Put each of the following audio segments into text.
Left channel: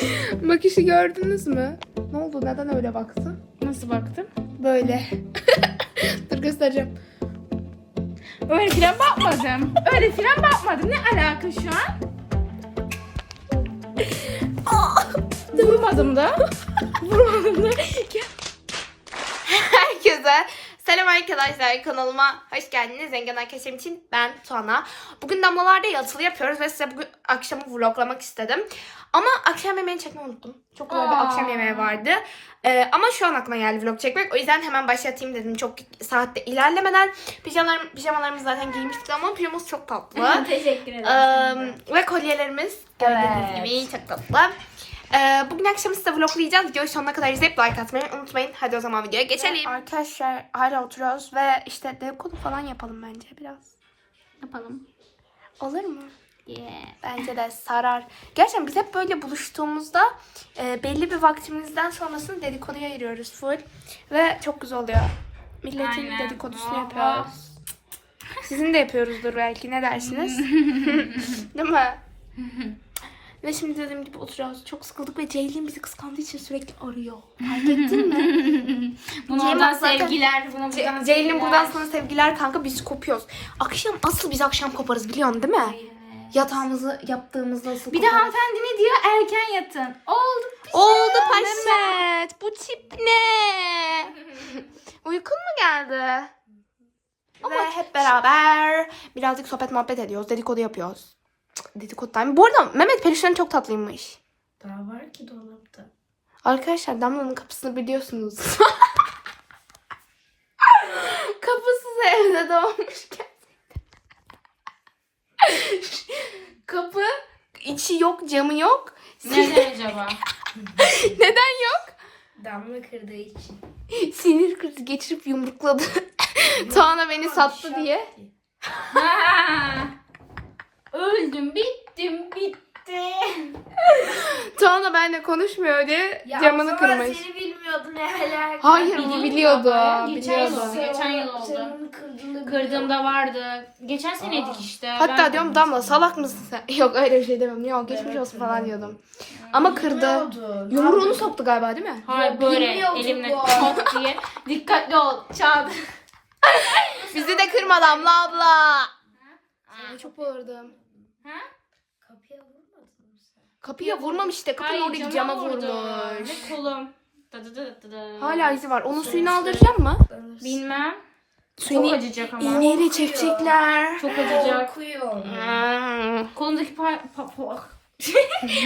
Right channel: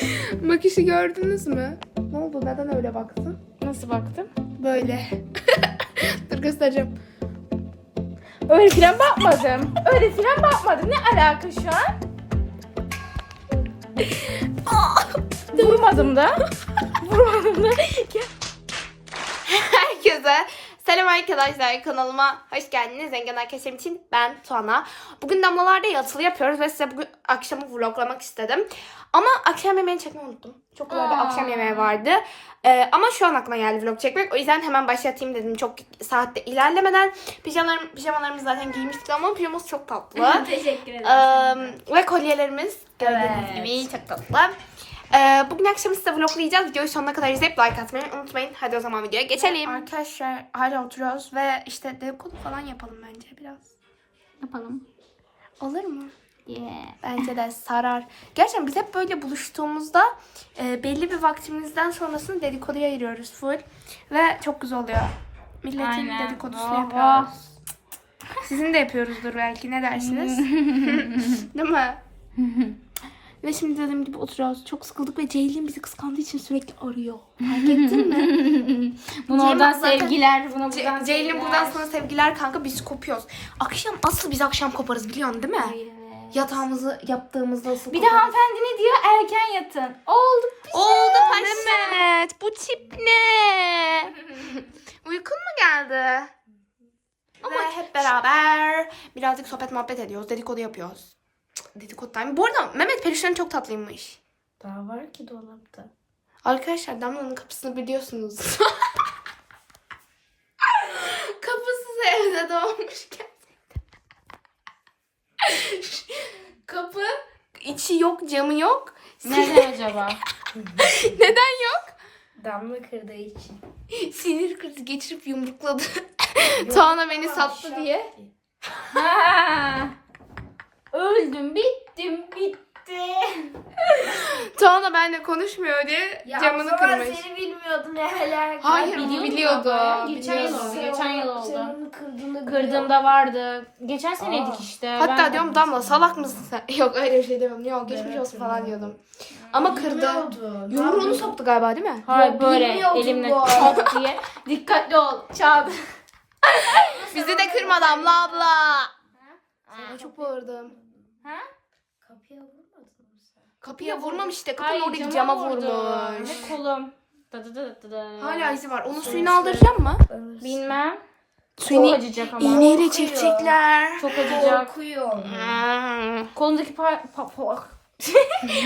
Bakışı gördünüz mü? Ne oldu? Neden öyle baktın? Nasıl baktın? Böyle. Dur göstereceğim. Öyle filan bakmadım. Öyle filan bakmadım. Ne alaka şu an? Vurmadım da. Vurmadım da. Herkese selam arkadaşlar kanalıma hoş geldiniz. Zengin arkadaşlarım için ben Tuana. Bugün damlalarda yatılı yapıyoruz ve size bugün akşamı vloglamak istedim. Ama akşam yemeğini çekmeyi unuttum. Çok güzel bir akşam yemeği vardı. Ee, ama şu an aklıma geldi vlog çekmek. O yüzden hemen başlatayım dedim. Çok saatte ilerlemeden. Pijamalarım, pijamalarımızı zaten giymiştik ama pijamamız çok tatlı. Teşekkür Ee, ve kolyelerimiz gördüğünüz Evet. gibi çok tatlı. Ee, bugün akşam size vloglayacağız. Videoyu sonuna kadar izleyip like atmayı unutmayın. Hadi o zaman videoya geçelim. Arkadaşlar hala oturuyoruz ve işte dedikodu falan yapalım bence biraz. Yapalım. Olur mu? Yeah. Bence de sarar. Gerçekten biz hep böyle buluştuğumuzda e, belli bir vaktimizden sonrasını dedikoduya ayırıyoruz full. Ve çok güzel oluyor. Milletin Aynen. dedikodusunu Oho. yapıyoruz. Sizin de yapıyoruzdur belki. Ne dersiniz? Değil mi? Ve şimdi dediğim gibi oturuyoruz. Çok sıkıldık ve Ceylin bizi kıskandığı için sürekli arıyor. Fark ettin mi? Buna Cem oradan zaten- sevgiler. Buna Ce- buradan Ceylin sevgiler. buradan sana sevgiler kanka biz kopuyoruz. Akşam asıl biz akşam koparız biliyorsun değil mi? Yatağımızı yaptığımızda asıl Bir de koparız. hanımefendi ne diyor? Erken yatın. Oldu. Oldu paşa. Mehmet bu tip ne? Uykun mu geldi? Ve hep beraber birazcık sohbet muhabbet ediyoruz. Dedikodu yapıyoruz. Dedikodu time. Bu arada Mehmet peluşların çok tatlıymış. Daha var ki dolapta. Arkadaşlar Damla'nın kapısını biliyorsunuz. Kapısız evde doğmuş gerçekten. Kapı içi yok camı yok. Nerede acaba? Neden yok? Damla kırdığı için. Sinir krizi geçirip yumrukladı. Tuana beni sattı diye. Öldüm, bittim, bitti. Tuana benimle konuşmuyor diye camını kırmış. seni bilmiyordum ne alaka. Hayır bunu biliyordu. ya, Geçen yıl oldu. Geçen yıl oldu. Kırdığını Kırdığımda vardı. Geçen seneydik işte. Hatta Ben- diyorum Damla salak mısın sen? Yok öyle bir şey demiyorum. Yok geçmiş olsun falan diyordum. Ama kırdı. Yumruğunu soktu galiba değil mi? Hayır böyle bilmiyordum elimle bu. diye. Dikkatli ol. Çağır. Bizi de kırma Damla abla. Ay, çok bağırdım. Ha? Kapıya sen? Kapıya vurmamış işte. Kapının Hayır, oradaki cama cama vurdu. vurmuş. Ne kolum. Dı dı. Hala izi var. Onun suyunu aldıracak mı? Bilmem. Çok Suyunu acıyacak ama. iğneyle çekecekler. Çok acıyacak. Korkuyorum. Hmm. Kolundaki pa... pa, pa.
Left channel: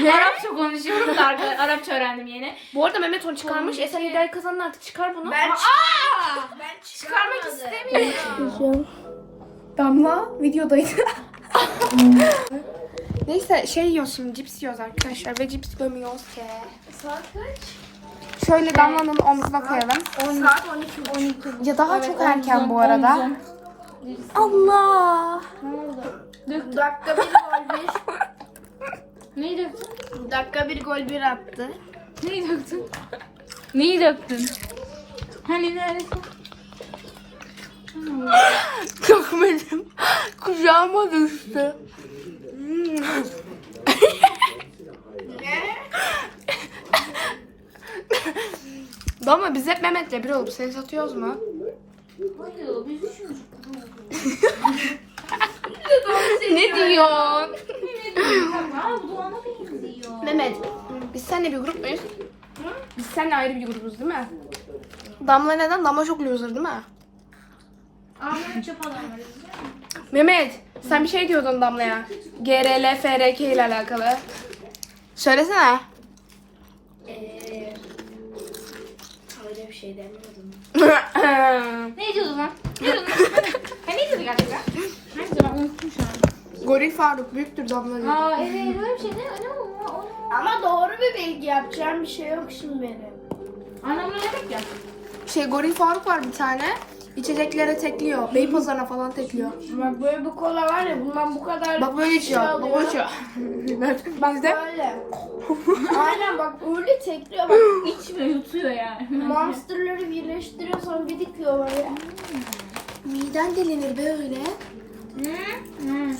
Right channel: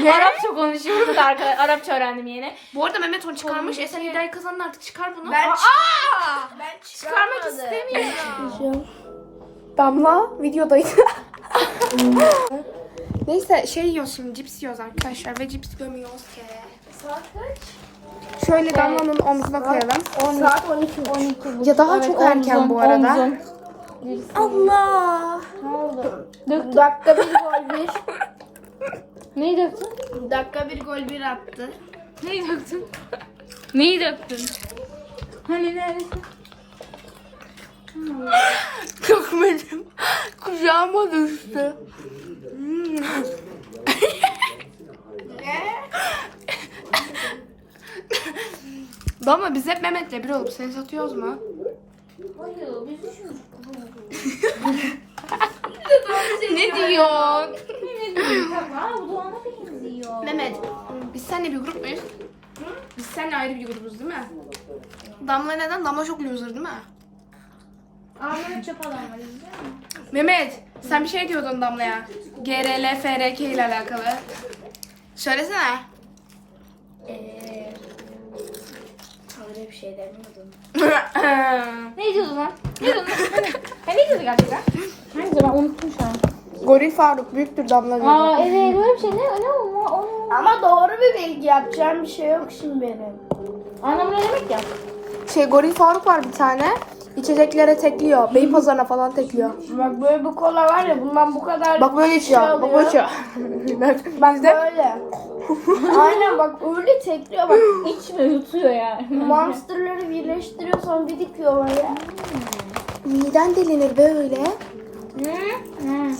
Arapça konuşuyoruz da arkadaşlar. Arapça öğrendim yeni. Bu arada Mehmet onu çıkarmış. E sen iddiayı kazandın artık çıkar bunu. Ben çıkarmadım. Ben çıkarmak istemiyorum. Damla videodaydı. Neyse şey şimdi cips yiyoruz arkadaşlar ve cips gömüyoruz. Saat kaç? Şöyle Damla'nın omzuna koyalım. Saat 12. 12. Ya daha çok erken bu arada. Allah. Dakika bir gol bir. Neyi döktün? Dakika bir gol bir attı. Neyi döktün? Neyi döktün? Hani neresi? Çok benim kucağıma düştü. Damla biz hep Mehmet'le bir olup seni satıyoruz mu? Ne diyorsun? Mehmet, biz seninle bir grup muyuz? Biz seninle ayrı bir grubuz değil mi? Damla neden? Damla çok loser değil mi? Ahmet Çapalar. Mehmet, sen bir şey diyordun Damla'ya. GRL, FRK ile alakalı. Söylesene. Eee... Öyle bir şey demedim. Ne diyordun lan? Ne diyordun? Ben ne gerçekten? Neyse ben unuttum şu an. Goril Faruk büyüktür Damla diyor. Aa evet öyle bir şey ne? Ne o? O? Ama doğru bir bilgi yapacağım bir şey yok şimdi benim. Anlamı ne demek ya? Şey Goril Faruk var bir tane. İçeceklere tekliyor. Beypazarı'na falan tekliyor. Bak böyle bu kola var ya bundan bu kadar Bak böyle içiyor. Bak böyle içiyor. ben de Böyle. Aynen bak öyle tekliyor bak. İçmiyor yutuyor yani. Monsterları birleştiriyorsan bir dikiyor böyle. miden delinir böyle. Ne? Hmm.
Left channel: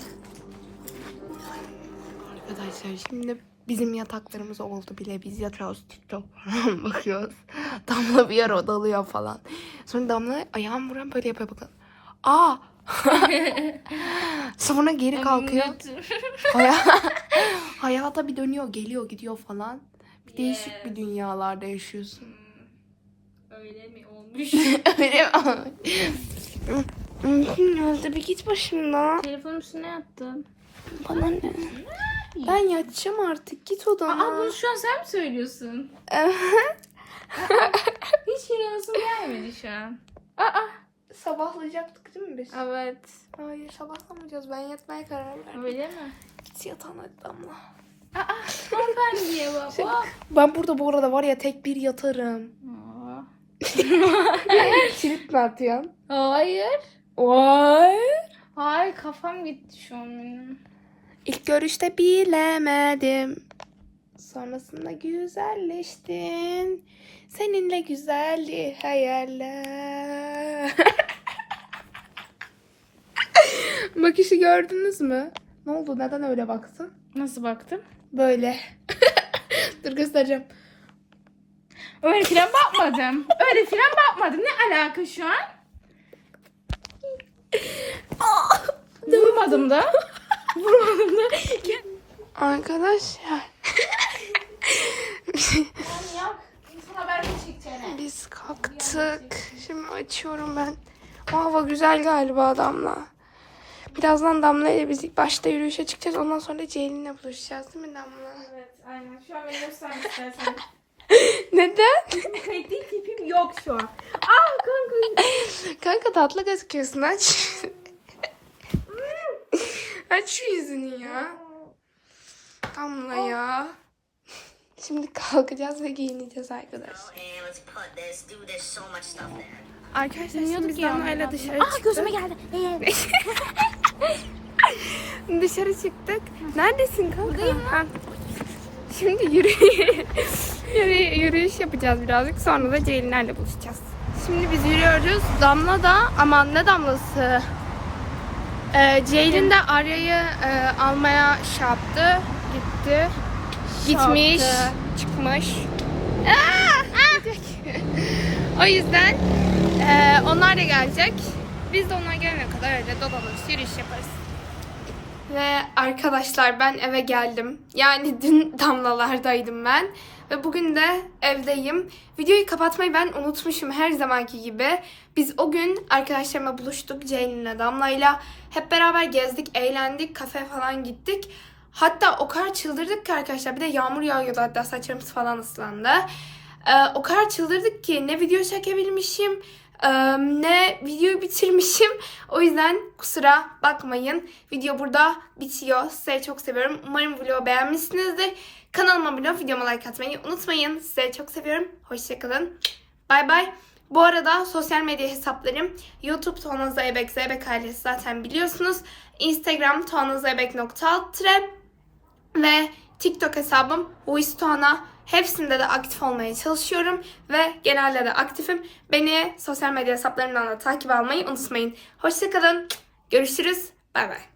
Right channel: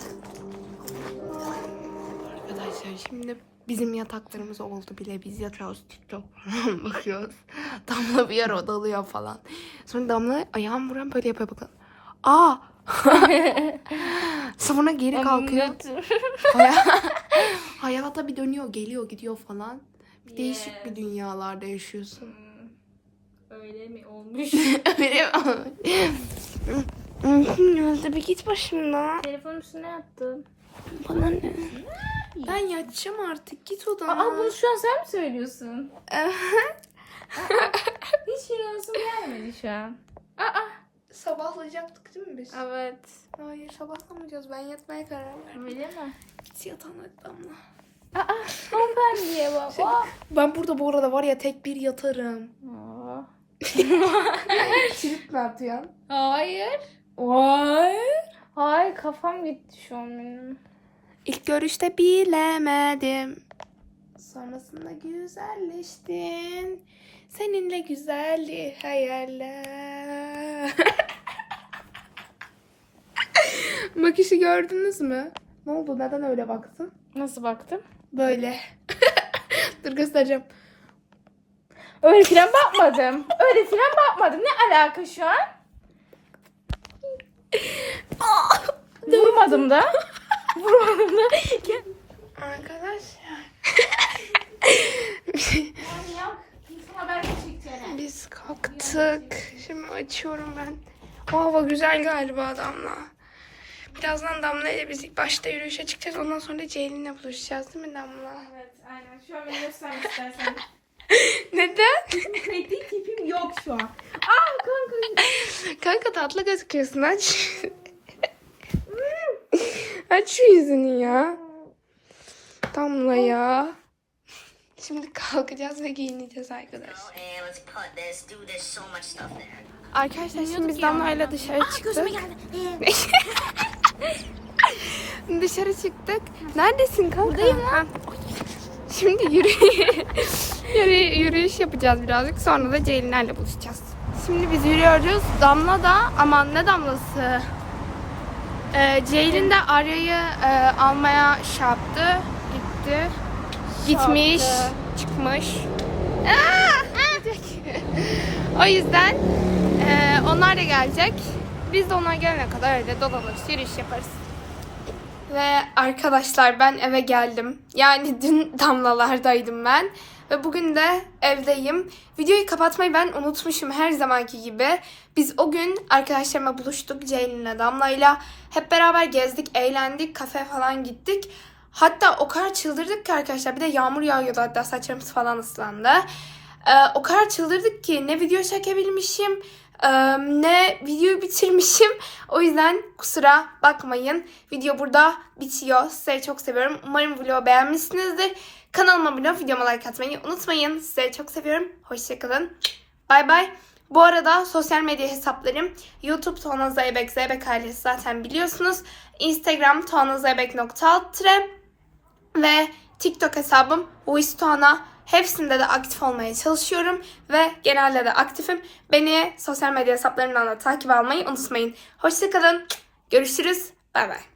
Arkadaşlar şimdi Bizim yataklarımız oldu bile. Biz yatıyoruz TikTok falan bakıyoruz. Damla bir yer odalıyor falan. Sonra Damla ayağım vuran böyle yapıyor bakın. Aa! Sonra geri kalkıyor. Haya- Hayata bir dönüyor, geliyor, gidiyor falan. Bir değişik bir dünyalarda yaşıyorsun. Öyle mi olmuş? Öyle mi? Bir git başımdan. Telefonun üstüne yattım. Bana ne? Ben yatacağım artık. Git odana. Aa bunu şu an sen mi söylüyorsun? Hiç inanasım gelmedi şu an. Sabahlayacaktık değil mi biz? Evet. Hayır sabahlamayacağız. Ben yatmaya karar verdim. Öyle mi? Git yatağına Damla. Ben niye baba? Ben burada bu arada var ya tek bir yatarım. Aa. Kilit mi atıyorsun? Hayır. Vay. Hayır kafam gitti şu an benim. İlk görüşte bilemedim. Sonrasında güzelleştin. Seninle güzeldi hayaller. Bakışı gördünüz mü? Ne oldu? Neden öyle baktın? Nasıl baktın? Böyle. Dur göstereceğim. Öyle filan bakmadım. Öyle filan bakmadım. Ne alaka şu an? Vurmadım da. Da. Arkadaşlar. Biz kalktık. Şimdi açıyorum ben. O hava güzel galiba Damla. Birazdan Damla ile biz ilk başta yürüyüşe çıkacağız. Ondan sonra Ceylin'le buluşacağız değil mi Damla? Evet aynen. Şu an beni göster istersen. Neden? Değil tipim yok şu an. Aa kanka. Kanka tatlı gözüküyorsun aç. Aç şu yüzünü ya. Damla ya. Şimdi kalkacağız ve giyineceğiz arkadaşlar. There. Arkadaşlar şimdi biz Damla'yla dışarı çıktık. geldi. Dışarı çıktık. Neredesin kanka? Ha. Şimdi yürü, yürü, yürüyüş yapacağız birazcık. Sonra da Ceylinlerle buluşacağız. Şimdi biz yürüyoruz. Damla da aman ne damlası? Ee, Ceylin de Arya'yı e, almaya şey yaptı. Gitti. Gitmiş. Çıkmış. Aa! o yüzden e, onlar da gelecek. Biz de onlar gelene kadar öyle dolanırız, yürüyüş yaparız. Ve arkadaşlar ben eve geldim. Yani dün damlalardaydım ben. Ve bugün de evdeyim. Videoyu kapatmayı ben unutmuşum her zamanki gibi. Biz o gün arkadaşlarımla buluştuk Ceylin'le Damla'yla. Hep beraber gezdik, eğlendik, kafe falan gittik. Hatta o kadar çıldırdık ki arkadaşlar. Bir de yağmur yağıyordu hatta saçlarımız falan ıslandı. Ee, o kadar çıldırdık ki ne video çekebilmişim ne videoyu bitirmişim. O yüzden kusura bakmayın. Video burada bitiyor. Sizleri çok seviyorum. Umarım vlogu beğenmişsinizdir. Kanalıma abone olup videoma like atmayı unutmayın. Sizleri çok seviyorum. Hoşçakalın. Bay bay. Bu arada sosyal medya hesaplarım YouTube Tuana Zeybek, Zeybek ailesi zaten biliyorsunuz. Instagram tuanazeybek.alt ve TikTok hesabım Voice Tuana. Hepsinde de aktif olmaya çalışıyorum ve genelde de aktifim. Beni sosyal medya hesaplarımdan da takip almayı unutmayın. Hoşçakalın. Görüşürüz. Bay bay.